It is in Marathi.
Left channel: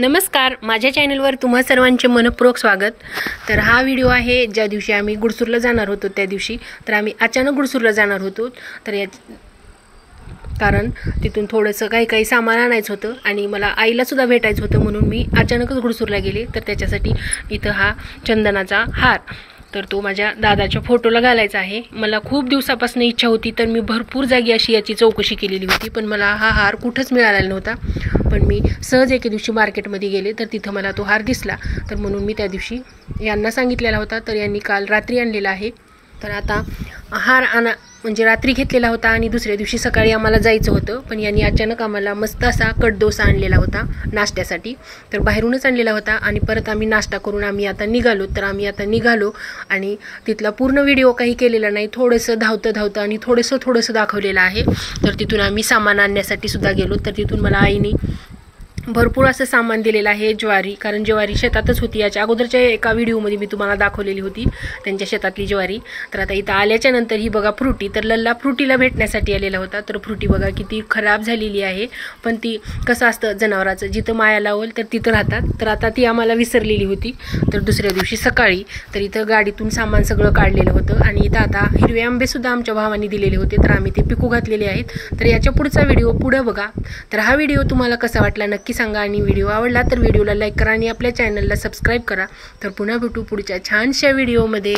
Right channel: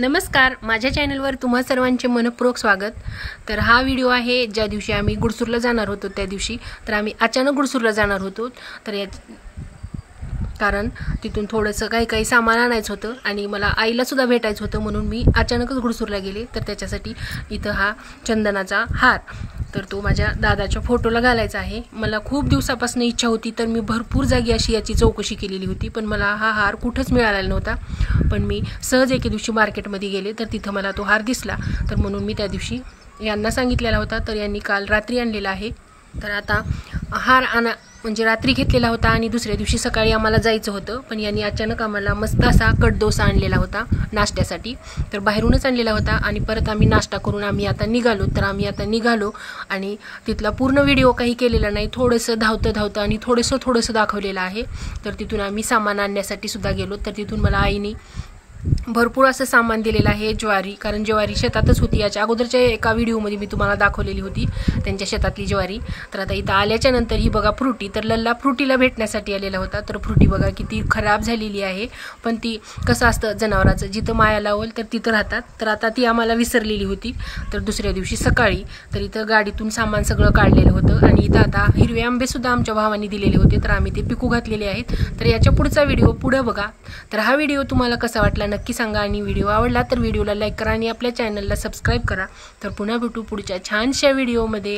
नमस्कार, माझ्या चॅनलवर तुम्हा सर्वांचे मनपूर्वक स्वागत। तर हा व्हिडिओ आहे ज्या दिवशी आम्ही गुडसूरला जाणार होतो त्या दिवशी। तर आम्ही अचानक गुडसूरला जाणार होतो, तर कारण तिथून थोडंसं काही सामान आणायचं होतं आणि मला आईला सुद्धा भेटायचं होतं, म्हणून मी अचानकच गुडसूरला गेले। तर त्याच्यासाठी इथं हा चंदनाचा हार, तर तो माझ्या दादाच्या फोटोला घालायचा आहे। मला खूप दिवसापासून इच्छा होती, तर मी भरपूर जागी अशी याची चौकशी केलेली होती, पण मला हा हार कुठंच मिळालेला नव्हता। पण मी सहज एके दिवशी मार्केटमध्ये गेले, तर तिथं मला तो हार दिसला, तर म्हणून मी त्या दिवशी यांना सांगितलेला होता, तर यांनी काल रात्री आणलेला आहे। तर आता हार म्हणजे रात्री घेतलेला होता आणि दुसऱ्या दिवशी सकाळी आम्हाला जायचं होतं, पण यांनी अचानक आम्हाला मस्त असा कडडोसा आणलेला होता नाश्त्यासाठी। तर बाहेरूनच आणलेला होता आणि परत आम्ही नाश्ता करून आम्ही आता निघालो। तर आम्ही आता निघालो आणि तिथला पूर्ण व्हिडिओ काही केलेला नाही, थोडंसं धावतं आणि थोडंसं दाखवलेलं आहे। तर तिथून आम्ही सामान आणण्यासाठी सुद्धा गेलो। तर तिथून मला आईने भरपूर असं सामान दिलेलं आहे, ज्वारी, कारण ज्वारी शेतातच होती। याच्या अगोदरच्या एका व्हिडिओमध्ये मी तुम्हाला दाखवलेली होती त्यांच्या शेतातली ज्वारी। तर आता इथं आल्याच्या नंतर ही बघा फ्रुटी, तर लल्ला फ्रुटीला भेटण्यासाठी आलेला होता। तर फ्रुटी बघा किती खराब झालेली आहे, पण ती कसं असतं जनावराचं, जिथं माया लावल तर तिथं राहतात। तर आता ती आम्हाला विसरलेली होती। तर दुसऱ्या दिवशी सकाळी तर इथं गाडीतून सामान सगळं काढलेलं होतं आणि इथं आता हिरवे आंबे सुद्धा आमच्या भावाने दिलेले होते, तर आम्ही ते पिकू घातलेले आहेत। तर याच्या पुढचा व्हिडिओ पुढे बघा। तर हा व्हिडिओ तुम्हाला कसा वाटला नक्की सांगा, आणि व्हिडिओ आवडला तर व्हिडिओला लाईक करा आणि आपल्या चॅनलला सबस्क्राईब करा। तर पुन्हा भेटू पुढच्या छानशा व्हिडिओमध्ये।